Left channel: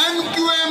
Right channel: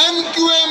MQM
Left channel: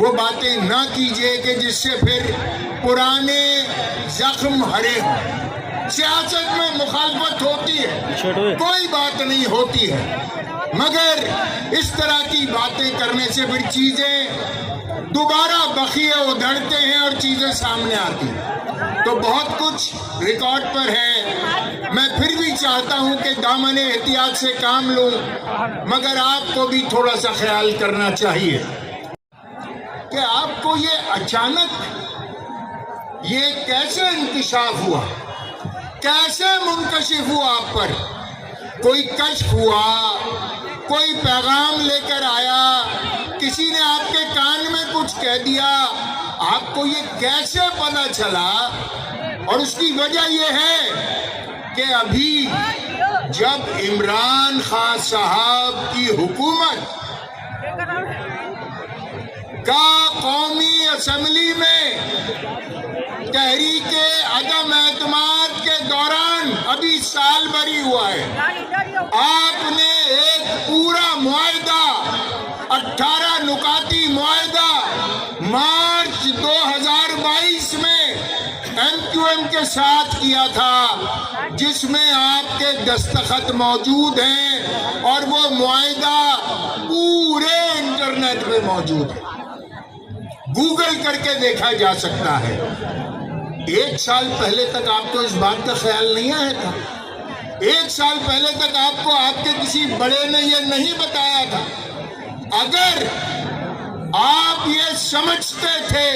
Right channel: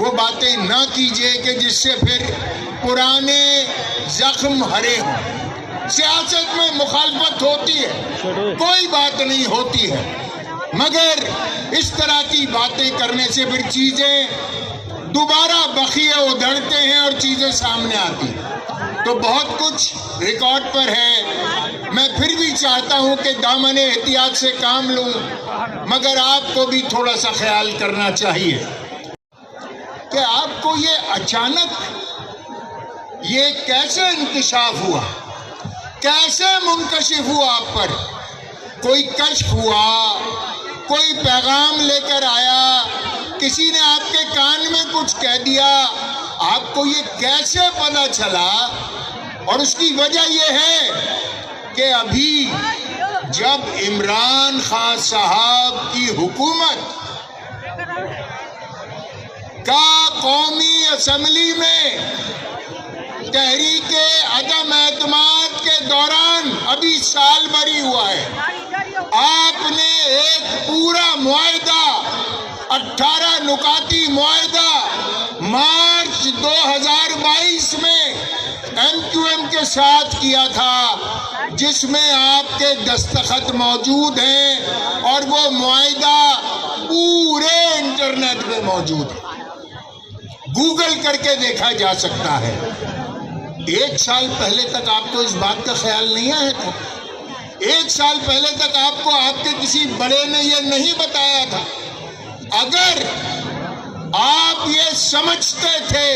وہ باتیں نہ کیجیے کہ جس سے پھر پرانے زخم ہرے ہوں۔ سیاست میں مخالفت ہوتی ہے، کوئی بات نہیں ہوتی ہے، مگر اس طرح کی باتیں کرنے سے پھر چیزیں دوبارہ بخیے ادھڑتے ہیں اور چیزیں سامنے آتی ہیں۔ تو بہت کچھ ریکارڈ پر ہے، میں پھر بھی چاہتا ہوں کہ دامن احتیاط سے کام لوں، مگر آپ کو بھی تھوڑا سا خیال کرنا چاہیے کہ آپ کو یہ اچانک یہ کیسے انکشاف ہوا، کیسے منکشف ہوا آپ پر؟ کوئی کشف ہوا، کوئی پیغام لے کر آیا، کسی نے آپ کے کان میں کچھ کہہ دیا، آپ کو یہ کیسے پتہ چلا؟ اور اس کی وجہ یہ ہے کہ ابھی جب عمران خان صاحب کی حکومت کا قومی اسمبلی میں تحریک عدم اعتماد کے دوران ابھی سال بھر ہی ہوا ہے، آپ نے ایک پورا معاہدہ 18 نکاتی معاہدہ مارچ 2022 میں MQM کے ساتھ کیا تھا، جس میں آپ کے دستخط موجود ہیں اور وہ معاہدہ پورے انٹرنیٹ پہ موجود ہے، گوگل کر کے دیکھا جا سکتا ہے۔ 1 سال پہلے تک آپ کو اس بات کا خیال نہیں آیا تھا؟ 1 سال پہلے تک آپ کو آپ کے کسی بڑے نے یہ نہیں بتایا تھا؟ اگر آپ یہ سمجھتے تھے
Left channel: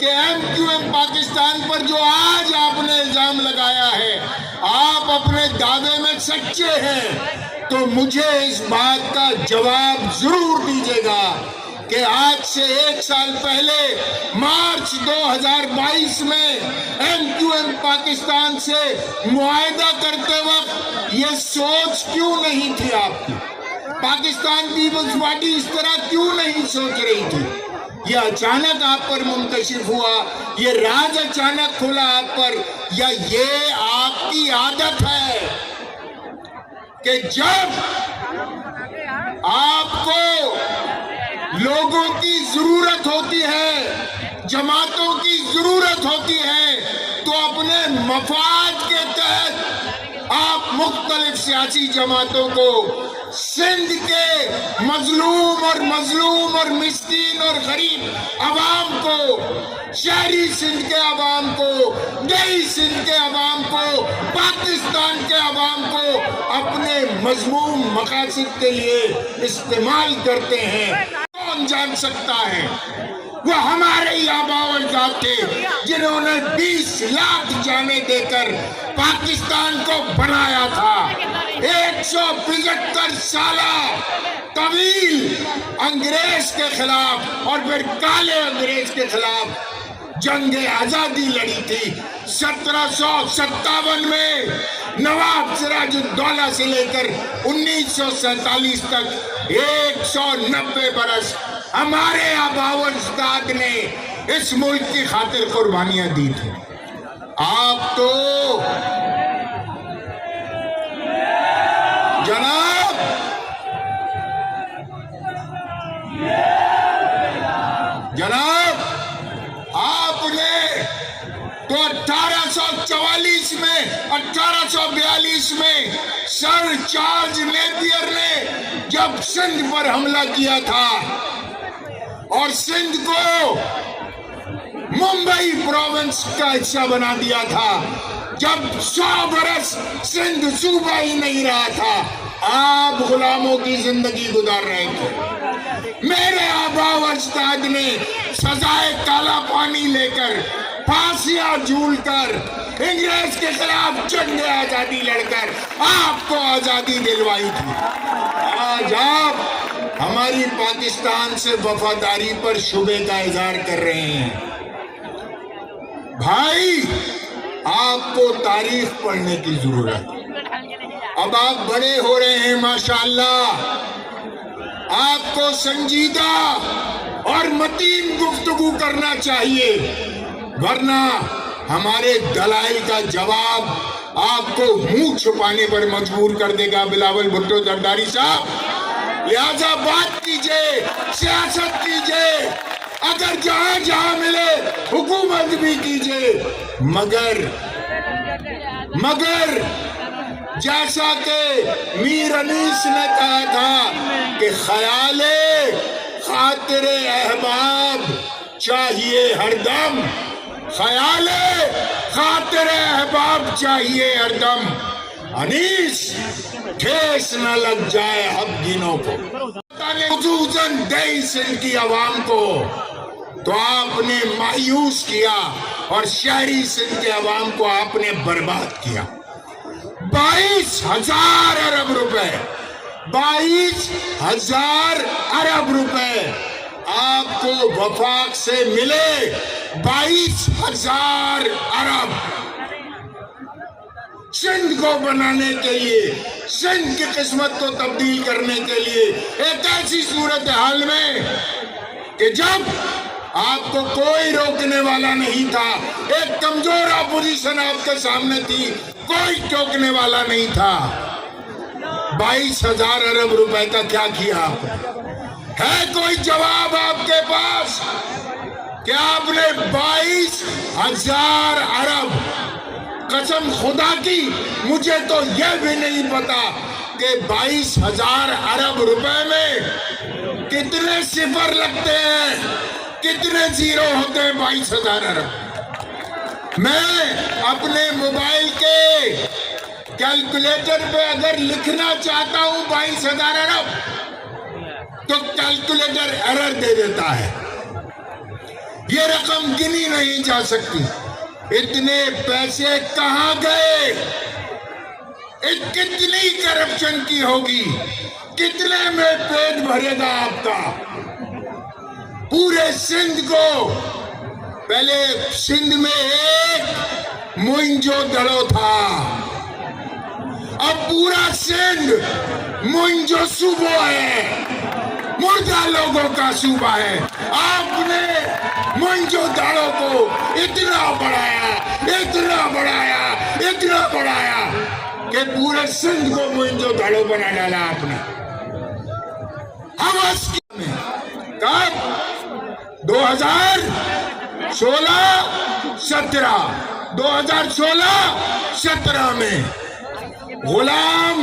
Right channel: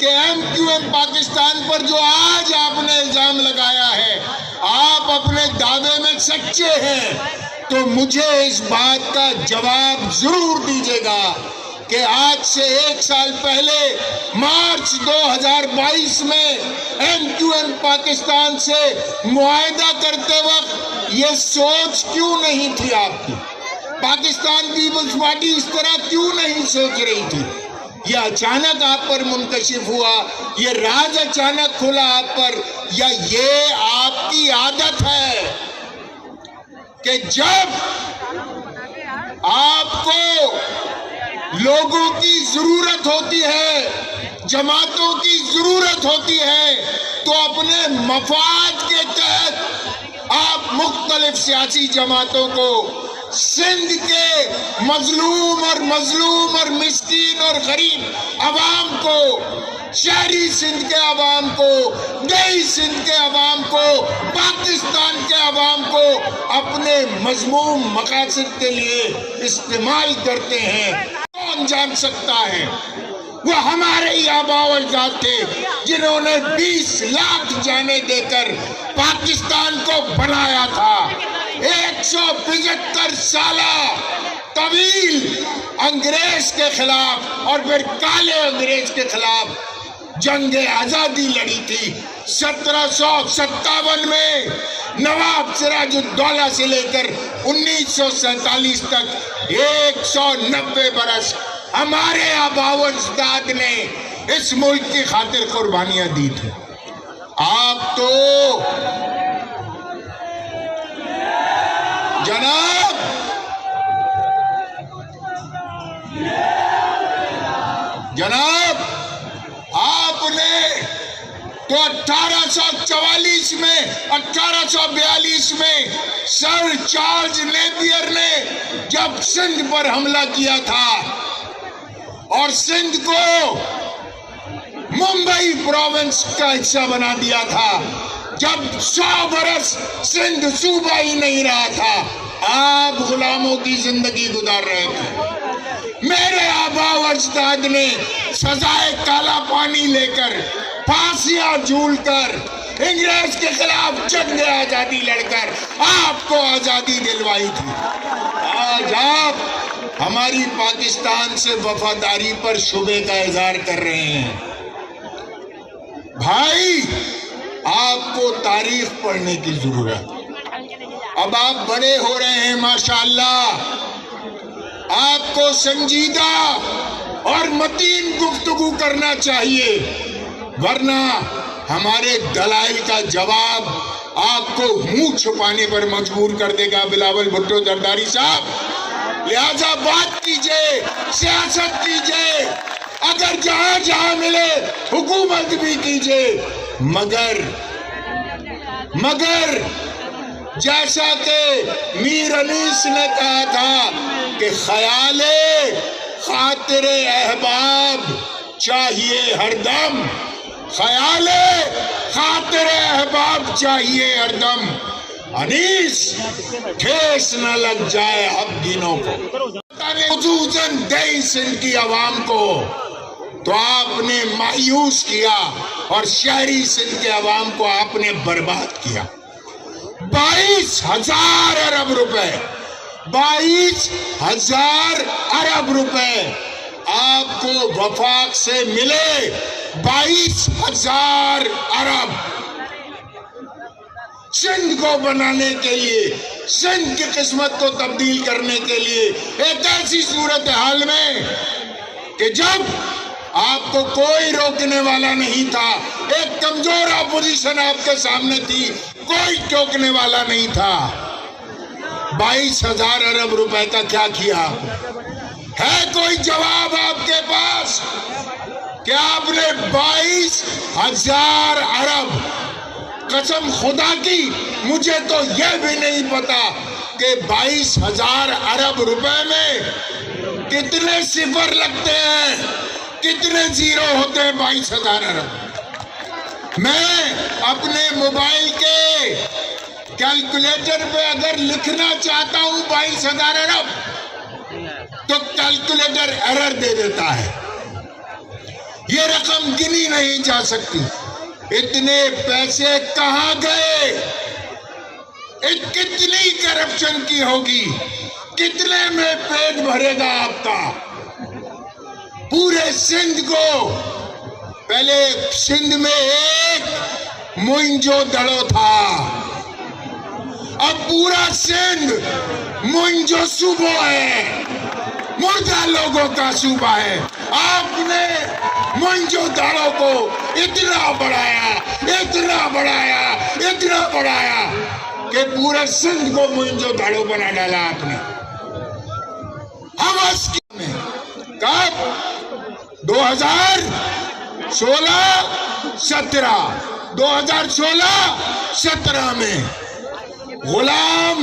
کہ MQM پاکستان پر جو آج آپ نے الزام لگایا ہے آپ اپنے دعوے میں سچے ہیں، تو مجھے اس بات کا جواب ضرور دیجیے گا کہ آج سے 1 سال پہلے مارچ 2022 میں MQM پاکستان سے معاہدہ کرتے وقت یہ سوچ کیوں نہیں تھی آپ کی؟ پاکستان پیپلز پارٹی اس طرح کیوں نہیں سوچ رہی تھی؟ یہ اچانک آپ پر منکشف ہوا، یہ راز اچانک کھلا آپ پر، یا یہ آپ کی عادت ہے کہ جب آپ کو لوگوں کی ضرورت ہوتی ہے، جماعتوں کی ضرورت ہوتی ہے، تو اپنے مفاد کے تحت آپ مختلف سیاسی جماعتوں کو سندھ کے مظلوم اور مسکین اور غریب عوام کو، شہری سندھ کے عوام کو، دیہی سندھ کے عوام کو، پاکستان کے عوام کو اپنے مذموم مقاصد کے لیے استعمال کرتے ہیں۔ کون جان سکتا ہے؟ وہ ہمارے ہی آباء و اجداد تھے جنہوں نے 20 لاکھ جانیں دے کر پاکستان کو بنایا تھا۔ 175 سالہ طویل انگریز کے خلاف اور پھر کالے انگریز کے خلاف جنگ آزادی لڑی تھی۔ 1757 میں نواب سراج الدولہ سے لے کر 1947 تک 190 برس ہمارے آباء و اجداد نے اس ملک کی خاطر قربانیاں دی تھی۔ آپ تو جناب آپ نے تو 1842 میں 1842 میں سر چارلز نیپیئر نے جب سندھ پر حملہ کیا تھا اور سندھ کو ممبئی پروونس کا حصہ بنا دیا تھا، جب 100 برس سندھ صوبہ ہی نہیں رہا تھا، آپ غلاموں کی زندگی گزار رہے تھے۔ میرے آباء و اجداد نے سزائے کالا پانی لے کر، پھانسیاں جھول کر، انگریز کے خلاف جنگ آزادی لڑ کر آپ کو آزادی دلوائی تھی۔ آج آپ ہماری پاکستان سے وفاداری پر شبے کا اظہار کر رہے ہیں۔ بھائی، آپ کو تاریخ پڑھنے کی ضرورت ہے۔ اب آپ بڑے ہو رہے ہیں ماشاءاللہ، آپ کو سنجیدہ اور متین گفتگو کرنا چاہیے، ورنہ ہمارے دلائل کا جواب آپ کو منہ چھپانے پر مجبور کر دے گا بلاول بھٹو زرداری صاحب۔ لہذا بات کیجئے، سیاست کیجئے، اگر جہاں جہاں ملے حکومت بھی کیجئے، مگر جیسا کہ میر انیس نے کہا تھا کہ خیال خاطر احباب چاہیے ہر دم، خیال خاطر احباب چاہیے ہر دم، انیس ٹھیس نہ لگ جائے اب دینوں کو۔ خصوصاً دیہی سندھ کی عوام کو تو آپ نے مایوس کیا اور شہری سندھ کے عوام کو آپ نے برباد کیا۔ 22,000 ارب روپے، 22,000 ارب روپے آپ کو وفاق سے ملے، 22,000 ارب سندھ کو بنانے کے لیے، سندھ کی قسمت کو تبدیل کرنے کے لیے، ایک ایسی صورتحال میں کہ جب آپ کو کوئی روکنے والا نہیں تھا، ایک کمزور اپوزیشن آپ کے سامنے تھی، کوئی ٹوکنے والا نہیں تھا، 22,000 ارب روپے کا کیا کیا آپ نے؟ ہے کوئی جواب آپ کے پاس کہ آپ نے 22,000 ارب، قسم خدا کی مجھے تو یہ بھی نہیں پتا کہ 22,000 ارب روپے میں کتنے صفر لگتے ہیں، کتنے زیرو ہوتے ہیں 22,000 ارب۔ میں اپنے موبائل کے کیلکولیٹر پہ اگر لکھنا چاہتا ہوں 22,000 ارب تو کیلکولیٹر ایرر دے دیتا ہے، یہ رقم گنی نہیں جا سکتی۔ اتنے پیسے کہاں گئے؟ کتنی کرپشن کی ہوگی؟ کتنے میں پیٹ بھرے گا آپ کا؟ پورے سندھ کو، پہلے سندھ میں ایک موئنجو دڑو تھا، اب پورا سندھ موئنجو صوبہ ہے، مردہ لوگوں کا صوبہ ہے۔ آپ نے موئنجو دڑو کو اتنا بڑھایا، اتنا بڑھایا، اتنا بڑھایا کہ پورے سندھ کو موئنجو دڑو بنا ڈالا آپ نے۔ حوث کی کب؟ 2016-17 میں غلام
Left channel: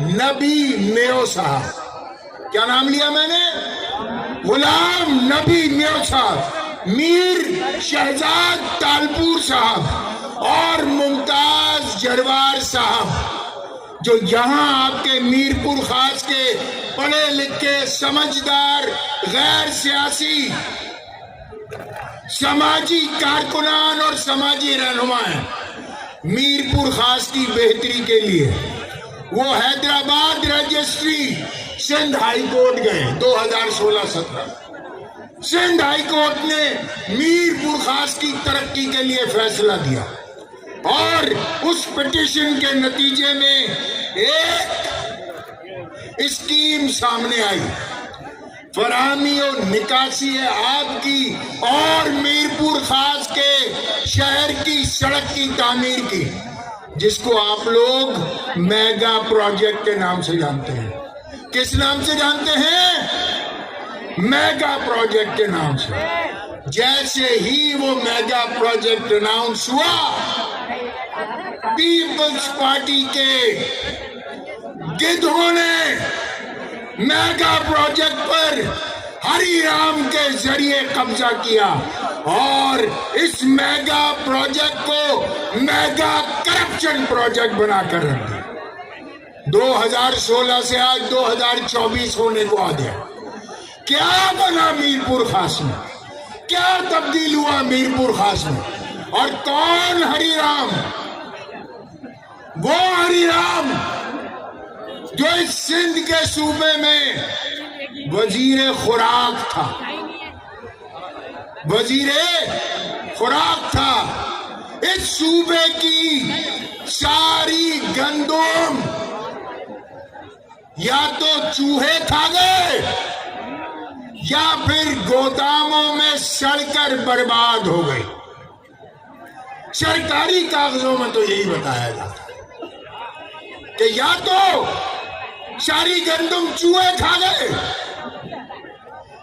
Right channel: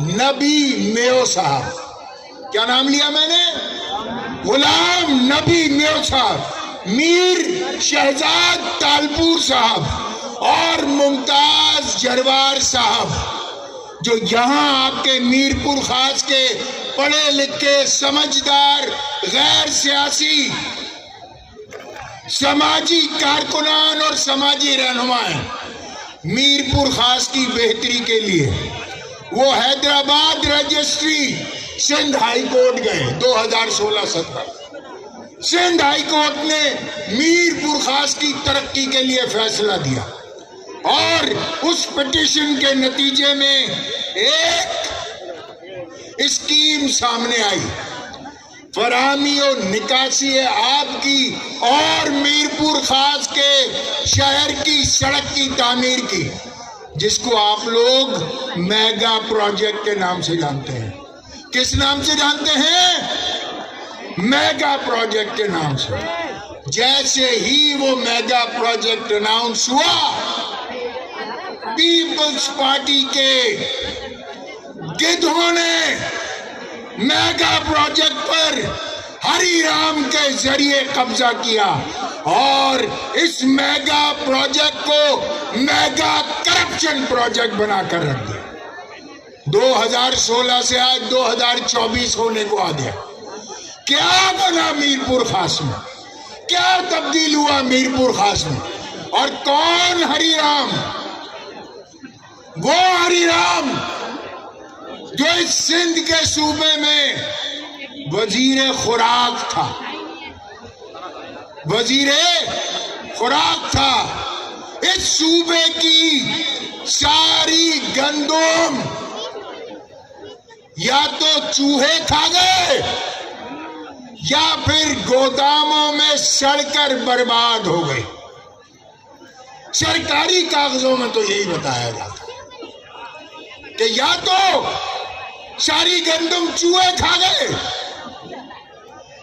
نبی نیو صاحب، کیا نام لیا میں نے؟ غلام نبی نیو صاحب، میر شہزاد تالپور صاحب اور ممتاز جروار صاحب، جو یہاں آپ کے میرپور خاص کے پڑھے لکھے سمجھدار غیر سیاسی سماجی کارکنان اور سماجی رہنما ہیں، میرپور خاص کی بہتری کے لیے وہ Hyderabad registry Sindh high court گئے 2016-17۔ سندھ ہائی کورٹ نے میرپور خاص کی ترقی کے لیے فیصلہ دیا اور اس پٹیشن کے نتیجے میں ایک اسکیم سامنے آئی، فراہمی و نکاسی آب کی اور میرپور خاص کے شہر کی سڑک کی تعمیر کی، جس کو آپ لوگ میگا پروجیکٹ کے نام سے جانتے ہیں۔ کس نام سے جانتے ہیں؟ میگا پروجیکٹ کے نام سے۔ جیسے ہی وہ میگا پروجیکٹ اناؤنس ہوا، پیپلز پارٹی کے گدھوں نے میگا پروجیکٹ پر ہری رام کے ذریعے قبضہ کیا اور اس میگا پروجیکٹ کو میگا کرپشن پروجیکٹ بنا کر رکھ دیا۔ 2016 سے آج 2024 ہونے کو آ گیا، کیا بنا میرپور خاص میں؟ کیا تبدیل ہوا میرپور خاص میں؟ اور کون ہری رام؟ وہ ہری رام جو اس سندھ کے صوبے میں وزیر خوراک تھا، وزیر خوراک تھا۔ اس صوبے کی ساری گندم یا تو چوہے کھا گئے یا پھر گوداموں میں سڑ کر برباد ہو گئے۔ سرکاری کاغذوں میں تو یہی بتایا جاتا کہ یا تو ساری گندم چوہے کھا گئے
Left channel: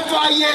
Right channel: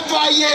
FIA